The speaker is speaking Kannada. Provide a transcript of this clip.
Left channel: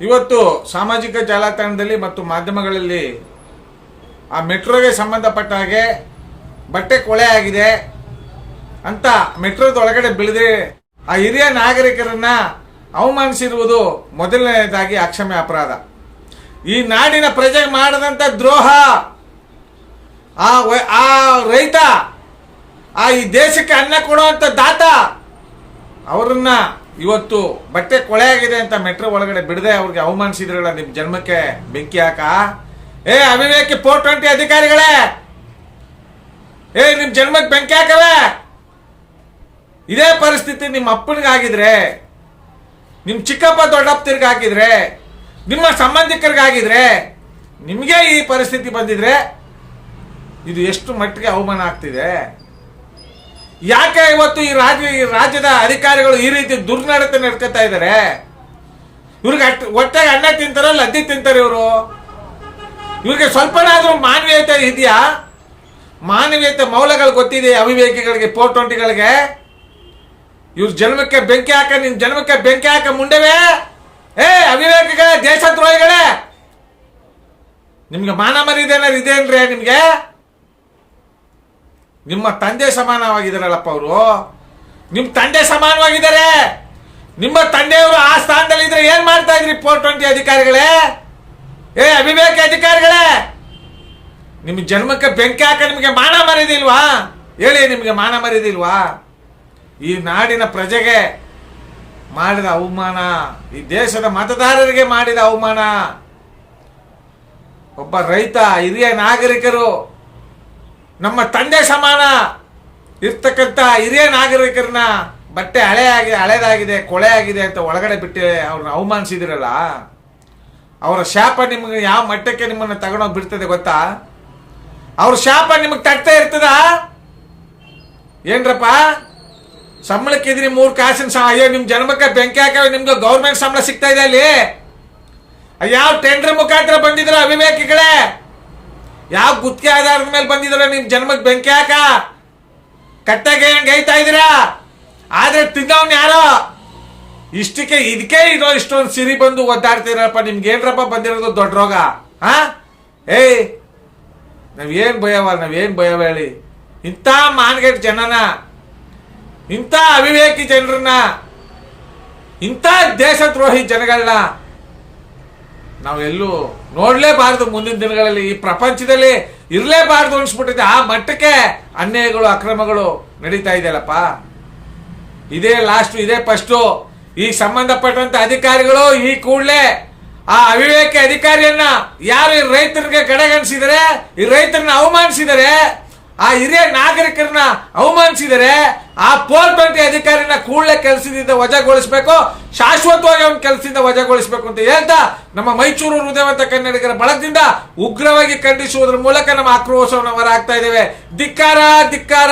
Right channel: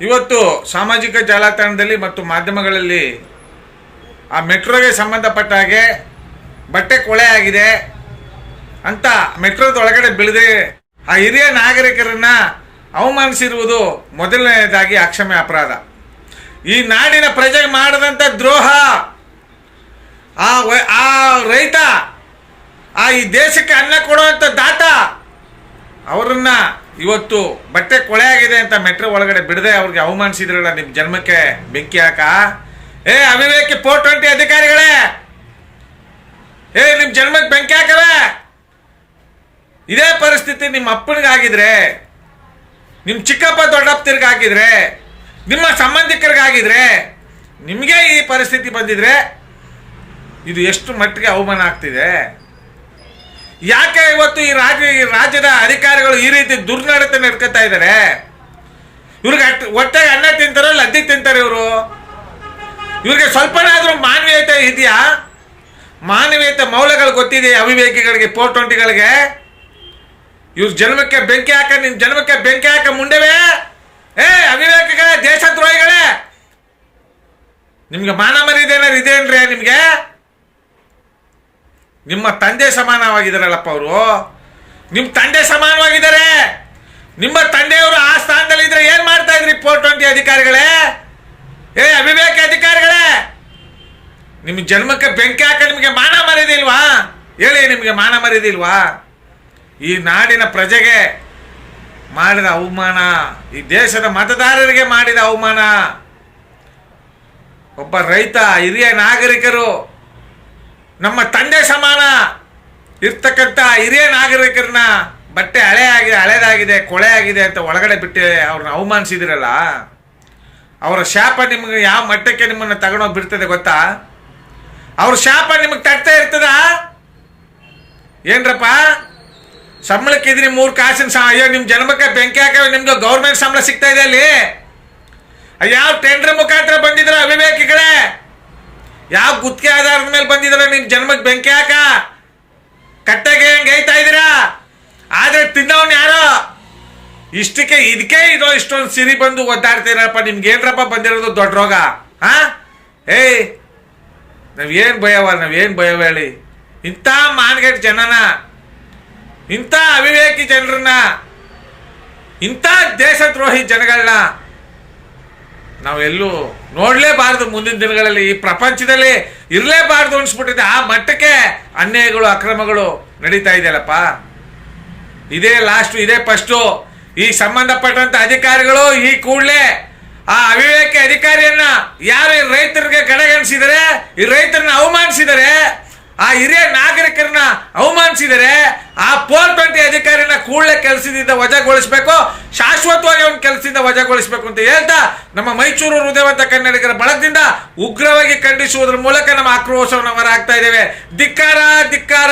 ಇವತ್ತು ಸಾಮಾಜಿಕ ಜಾಲತಾಣದಲ್ಲಿ ಮತ್ತು ಮಾಧ್ಯಮಗಳಲ್ಲಿ ಆ ಮೆಟ್ರೋಗೆ ಸಂಬಂಧಪಟ್ಟ ಹಾಗೆ ಬಟ್ಟೆ ಕೊಳೆ ಆಗಿದೆ ಅಂತ ಮೆಟ್ರೋದ ಒಳಗಡೆ ಬೆಳೆದ್ರೆ ಆ ಹಿರಿಯ ನಾಗರಿಕರನ್ನ ಅವಮಾನಿಸಿರುವುದು ಮೊದಲನೆಯದಾಗಿ ಅಕ್ಷಮ್ಯ ಅಪರಾಧ. ಈ ನಾಡಿನ ಪ್ರಜೆಗೆ ಮಾಡದಂತ ದ್ರೋಹ! ಆ ಆ ರೈತ, ಆ ಈ ದೇಶಕ್ಕೆ ಅನ್ನ ಕೊಡುವಂತ ದಾತ, ಅವರನ್ನ ಇವತ್ತು ಬಟ್ಟೆ ಕೊಳೆ ಆಗಿದೆ ಅಂತ ಮೆಟ್ರೋ ಒಳಗಡೆ ಬಿಡದೆ ಅವ್ರಿಗೆ ಅವಮಾನಿಸಿದ್ರಲ್ಲ ನಿಮ್ ಜನ್ಮಕ್ಕೆ ಬೆಂಕಿ ಹಾಕ? ಏ, ಅವಿವೇಕಿ ಫೋರ್ ಟ್ವೆಂಟಿ ಅಧಿಕಾರಿಗಳೇ! ಏ, ನಿಮ್ ಜನ್ಮಕ್ಕೆ ಬೆಂಕಿ ಹಾಕವೆ! ಇದೇ ಪರಿಸ್ಥಿತಿ ನಿಮ್ಮ ಅಪ್ಪನಿಗಾಗಿದ್ರೆ ನಿಮ್ಮ ಚಿಕ್ಕಪ್ಪ ದೊಡ್ಡಪ್ಪತಿರ್ಗೆ ಹಾಕಿದ್ರೆ ನಿಮ್ಮ ಸಂಬಂಧಿಕರಿಗಾಗಿದ್ರೆ, ನಿಮಗೆ ಈ ಪರಿಸ್ಥಿತಿ ಬಂದಿದ್ರೆ ಇದು ಎಷ್ಟು ಮಟ್ಟಿಗೆ ಅವಮಾನ ಆಗ್ತಿದೆ? ಯಾಕೆ ಇವತ್ತು ಈ ರಾಜ್ಯ ರಾಜ್ಯದ ಅಧಿಕಾರಿಗಳು ಈ ರೀತಿ ದುರ್ನಡತೆ ನಡ್ಕೊತಾ ಇದ್ದಾರೆ? ಇವ್ರಿಗೆ ಅಟ್ ಹೊಟ್ಟೆಗೆ ಅನ್ನ ತಿಂತಾರೋ, ಲದ್ದಿ ತಿಂತಾರೆ ಇವರು? ಇವ್ರಿಗೆ ಸ್ವಲ್ಪನಾದ್ರೂ ಮಾನವೀಯತೆ ಇದೆಯಾ? ಮಾನವೀಯತೆ ಮೌಲ್ಯಗಳು ಗೊತ್ತಿದೆ ಅವಿವೇಕಿಗಳಿಗೆ ಫೋರ್ ಟ್ವೆಂಟಿಗಳಿಗೆ ಇವ್ರ ಜನ್ಮಕ್ಕೆ ಬೆಂಕಿ ಹಾಕ, ನಿನ್ ಜನ್ಮಕ್ಕೆ ಬೆಂಕಿ ಹಾಕ ಮುಂಡೆವೇ? ಏ, ಅವಿವೇಕಿಗಳೇ, ದೇಶದ್ರೋಹಿಗಳೇ! ನಿಮ್ಗೆ ಮಾನ ಮರಿದೇನಾರು ಇದೆ ಅಂದ್ರೆ ನಿಮ್ಗೆ? ನಿಮ್ಮ ತಂದೆ ಸಮಾನವಾಗಿದ್ದಾರಲ್ಲಪ್ಪ ಅವರು? ನಿಮ್ಮ ತಂದೆ ಸಮಾನವಾಗಿದ್ದಾರೆ? ನಿಮ್ಮ ತಂದೆಯವರು ಆ ಸ್ಥಾನದಲ್ಲಿ ಇದ್ರೆ ಏನ್ ಮಾಡ್ತಾ ಇದ್ರಿ ಫೋರ್ ಟ್ವೆಂಟಿ ಅಧಿಕಾರಿಗಳೇ? ಏ, ಅವಿವೇಕ ಅಧಿಕಾರಿಗಳೇ? ನಿಮ್ಮ ಜನ್ಮಕ್ಕೆ ಬೆಂಕಿ ಹಾಕ ನಿಮಗೆ ಮಾನ ಮರಿದಿಲ್ವಾ ಹೇಳಿ, ನಿಮಗೆ ಮಾನ ಮರಿದಿಲ್ವಾ ಈ ನಾಡಿನ ಪ್ರಜೆಗೆ ಮಾಡಿದ ಅವಮಾನ, ಈ ದೇಶದ ಮತದಾರರಿಗೆ ಮಾಡಿದ ಅವಮಾನ, ಒಬ್ಬ ರೈತ, ಹಿರಿಯ ನಾಗರಿಕರು ನಮ್ಮ ತಂದೆ ಸಮಾನ. ಇರ್ತಕ್ಕಂಥ ಹಿರಿಯ ನಾಗರಿಕರನ್ನ ಬಟ್ಟೆ ಹಳೆ ಆಗಿದೆ, ಹಳೇದಾಗಿದೆ, ಕೊಳೆ ಆಗಿದೆ ಅಂತ ಒಳಗಡೆ ಬಿಟ್ಟು ಅವ್ರನ್ನ ಅವಮಾನಿಸಿದಿರಲ್ಲ, ಅವರ ಶಾಪ ನಿಮಗೆ ಯಾವ ಮಟ್ಟಕ್ಕೆ ನಿಮ್ಮನ್ನು ತಗೊಂಡೋಗಿ ಬಿಡ್ತದೆ ಗೊತ್ತಾ? ಅವ್ರ ಶಾಪ ನಿಮಗೆ ತಟ್ತಾ ಇರ್ತದ? ಏನ್ರಪ್ಪ? ಸಂಬಳಕ್ಕೆ ಇದ್ರಿ ಮೂರು ಕಾಸಿನ ಸಹ ಅಯ್ಯೋ ನಿಮ್ಮ ಜನ್ಮಕ್ಕೆ ಬೆಂಕಿ ಹಾಕವೆ ನಿಮ್ಗೆ ಗೌರ್ಮೆಂಟ್ ಸಂಬಳ ಸಿಗ್ತಾ ಇದೆ ಅಲ್ಲಿ. ಯಾವ ಟೆಂಡರ್ ಮುಖಾಂತರ ಬಂದಿದ್ರ ಅವಿವೇಕಿಗಳೇ. ಯಾವ ಗುತ್ತಿಗೆ ಆಧಾರದ ಮೇಲೆ ಬಂದಿದ್ರ ನಿಮ್ ಜನ್ಮಕ್ಕೆ ಬೆಂಕಿ ಹಾಕ? ಕಟ್ಟೆಗೆ ಹೆಂಗ್ ಗೈತಾ ಇದೀರಾ ಆದ್ರೆ ತಿನ್ನವನ್ ಯಾರೋ? ಇಷ್ಟಕ್ಕೆ ಇದಕ್ಕೆ ಇರೋ ಇಷ್ಟೊಂದು ಸಿರಿ ಬಂದು ಒದ್ದಾಡ್ತೀರಪ್ಪ ನಿಮ್ಗೆ ಏನ್ರಪ್ಪ ಬಂದಿರೋದು ದೊಡ್ಡ ರೋಗ? ಹಾ? ಏಯ್ ನಾವೇನ್ ಭಯವ ನಾವೇನ್ ಭಯವ ಹೇಳಿ. ಇಂಥ ಮಾನ್ಗೆಟ್ ಜನನ, ಇಂಥ ಅವಿವೇಕಿ ಜನರನ್ನ, ಇಂಥ ದೇಶದ್ರೋಹಿ ಜನಗಳನ್ನ ನಾವೆಲ್ಲೂ ನೋಡ್ಲೇಬಾರದು ಮುಂದಿನ ದಿನಗಳಲ್ಲಿ. ಈ ಪ್ರಪಂಚದಲ್ಲಿ ಇರಲೇಬಾರದು ಅನ್ಸ್ಬಿಟ್ಟಿದೆ. ಆ ಮಟ್ಟಕ್ಕೆ ಅನ್ಯಾಯಗಳು, ಅಕ್ರಮಗಳು ನಡೀತಾ ಇದೆಯಲ್ಲಪ್ಪ. ಇದೇ ಲಾಸ್ಟ್ ಇದೇ ಫಸ್ಟು ಈ ಸಂಬಂಧಪಟ್ಟಂತ ಅಧಿಕಾರಿಗಳು ಈ ಕೂಡಲೇ ಆ ಅವಿವೇಕಿ ಅಧಿಕಾರಿಯನ್ನ ಯಾರು ಈ ರೈತರಿಗೆ ಕಡೆಗಣಿಸಿದರೆ ಈ ರೈತರನ್ನ ಅವಮಾನಿಸಿದರೆ ಆ ಹಿರಿಯ ನಾಗರಿಕರನ್ನ ಅವಮಾನಿಸಿದರೆ ಆ ಪೋಲ್ ಟ್ವೆಂಟಿ ಅಧಿಕಾರಿನ ಕೂಡಲೇ ಕೆಲಸದಿಂದ ವಜಾಗೊಳಿಸಬೇಕು, ಶಾಶ್ವತವಾಗಿ ಅವನ ಕೆಲಸದಿಂದ ವಜಾಗೊಳಿಸಬೇಕು ಅಂತ ಹೇಳ್ತಾ ನಮ್ಮ ಮೈಸೂರು ಹೃದಯವಂತ ಕನ್ನಡಿಗರ ಬಳಗದಿಂದ ಉಗ್ರವಾಗಿ ಖಂಡಿಸುವುದರ ಮೂಲಕ ನಮ್ಮ ಆಕ್ರೋಶವನ್ನು ಹೊರ ಆಗ್ತಾ ಇದ್ದೇವೆ. ಧಿಕ್ಕಾರ ಧಿಕ್ಕಾರ.